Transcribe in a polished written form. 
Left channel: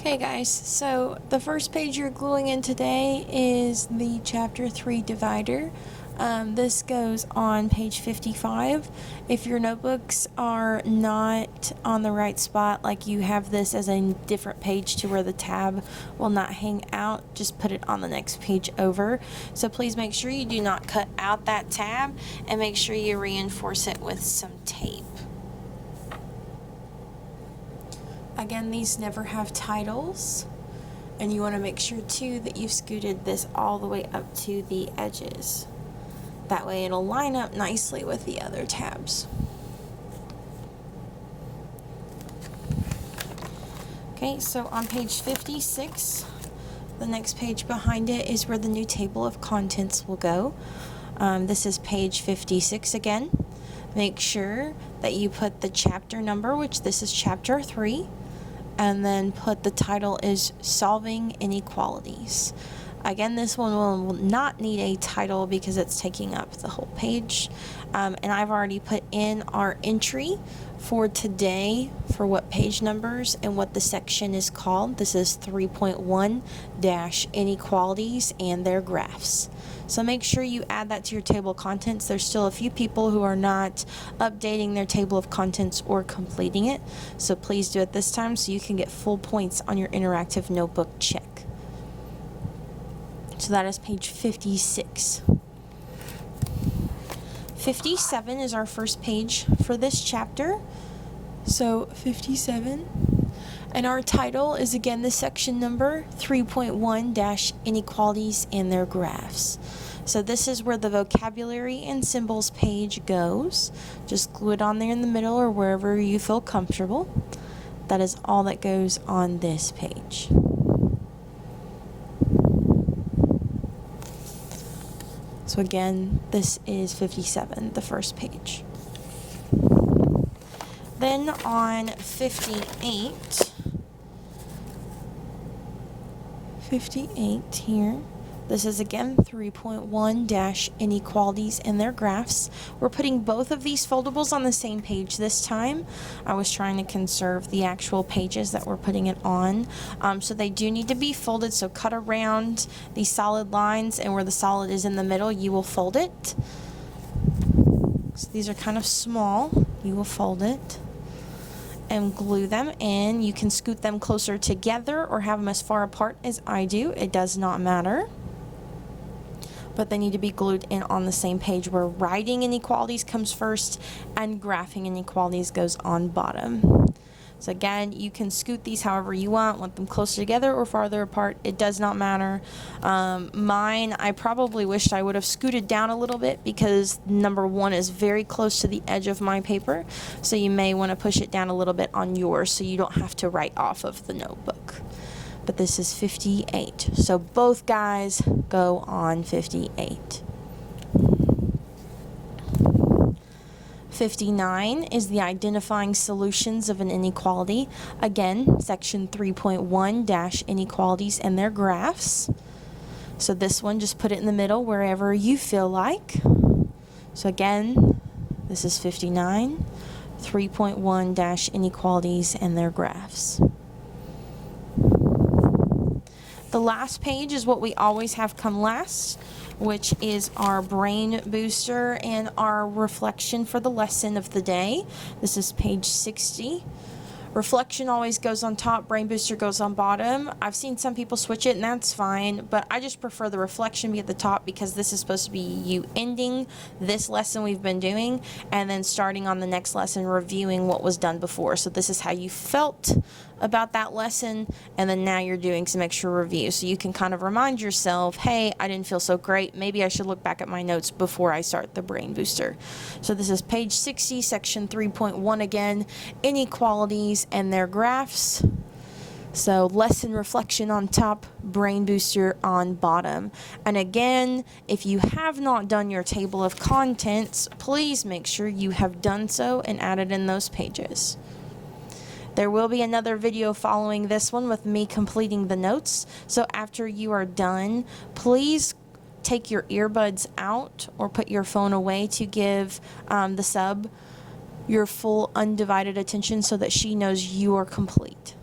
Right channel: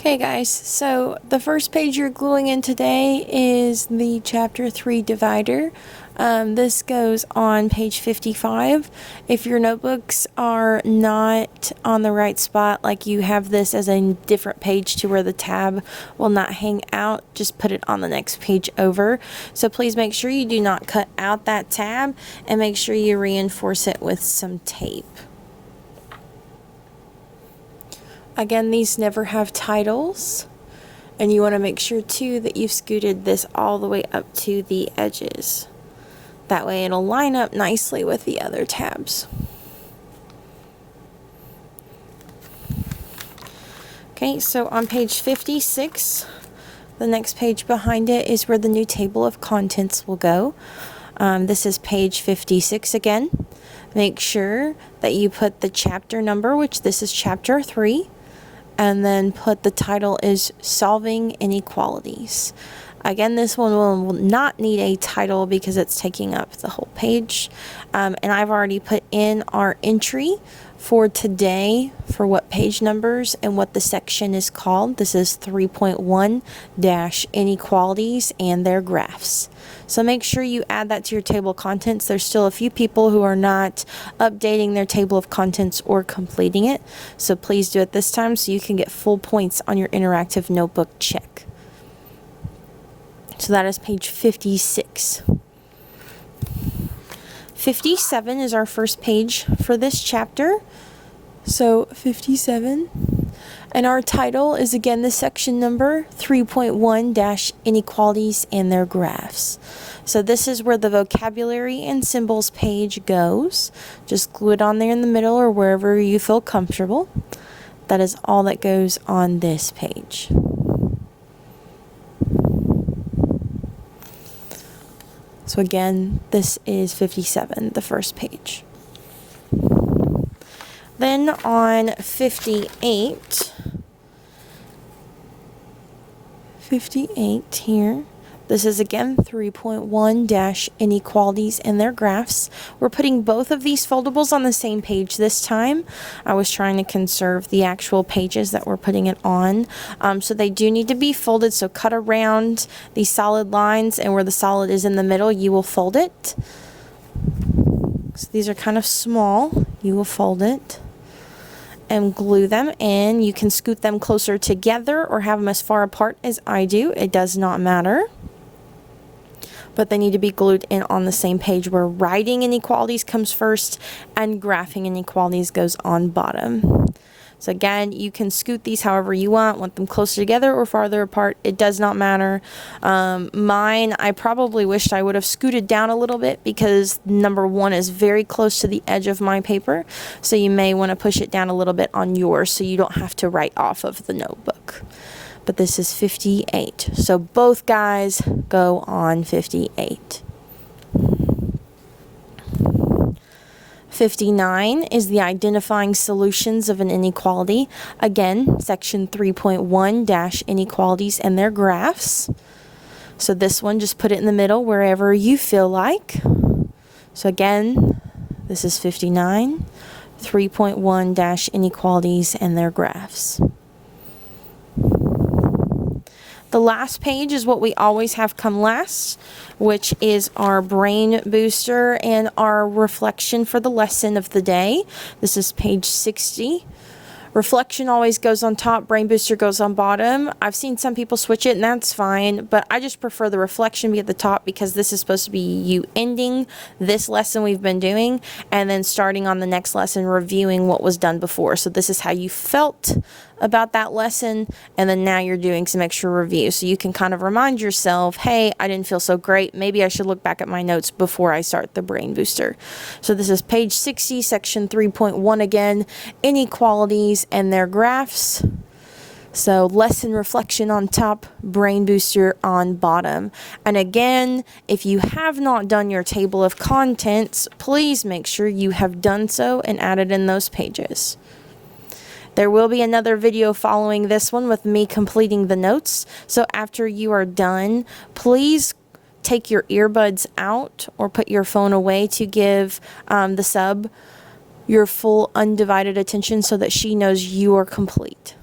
Okay guys, so the first page you're gluing in today is the chapter 3 divider. This goes on page 55. If your notebooks are not on the right spot, like you have this as a different page to where the tab will not hang out, just put it on the next page over. So please make sure you do not cut out that tab and make sure you reinforce it with some tape. Again, these never have titles, and you want to make sure too that you've scooted this all the way up to the edges. That way it'll line up nicely with the other tabs. Okay, so on page 56, the next page behind it is where the new table of contents will go. This is page 56 again. Make sure that you put the chapter number, which this is chapter 3. And then put the title is Solving Inequalities. Again, this one will not need a title because it's taking up the whole page. And I've already put in our entry for today for what page numbers and what the section is called. This is 3.1-Inequalities and their graphs. So make sure you add that to your table of contents. There's still a few people who are not updating their table of contents or completing it. So please do it this time so you can get full points on your interactive notebook check. So that is page 56. 57 is our first page for this chapter. So 57. And our title is again the section number 3.1-Inequalities and their graphs. So this is where the vocabulary and symbols page goes. Just glue it on there in the middle or wherever you feel comfortable. That is all that goes on this page. So again, this is 57, the first page. Then on 58 here, this is again 3.1-Inequalities and their graphs. We're putting both of these foldables on the same page this time. I was trying to conserve the actual pages that we're putting it on. So they do need to be folded, so cut around these solid lines, and where the solid is in the middle, you will fold it. So these are kind of small. You will fold it and glue them in. You can scoot them closer together or have them as far apart as I do. It does not matter. But they need to be glued in on the same page where writing inequalities comes first and graphing inequalities goes on bottom. So again, you can scoot these however you want them closer together or farther apart. It does not matter. Mine, I probably wished I would have scooted down a little bit because number 1 is very close to the edge of my paper. So you may want to push it down a little bit on yours so you don't have to write off of the notebook. But this is 58. So both guys go on 58. 59 is the identifying solutions of an inequality. Again, section 3.1-Inequalities and their graphs. So this one, just put it in the middle wherever you feel like. So again, this is 59, 3.1-Inequalities and their graphs. The last page is what we always have come last, which is our brain booster and our reflection for the lesson of the day. This is page 60. Reflection always goes on top, brain booster goes on bottom. I've seen some people switch it and that's fine, but I just prefer the reflection be at the top because this is supposed to be you ending this lesson we've been doing and then starting on the next lesson reviewing what was done before. So this is how you felt about that lesson, and then now you're doing some extra review. So you can kind of remind yourself, hey, I didn't feel so great. Maybe I should look back at my notes before I start the brain booster. So this is page 60, section 3.1 again, inequalities and their graphs. So lesson reflection on top, brain booster on bottom. And again, if you have not done your table of contents, please make sure you have done so and added in those pages. There will be another video following this one with me completing the notes. So after you are done, please take your earbuds out or put your phone away to give the sub your full undivided attention so that she knows you are complete.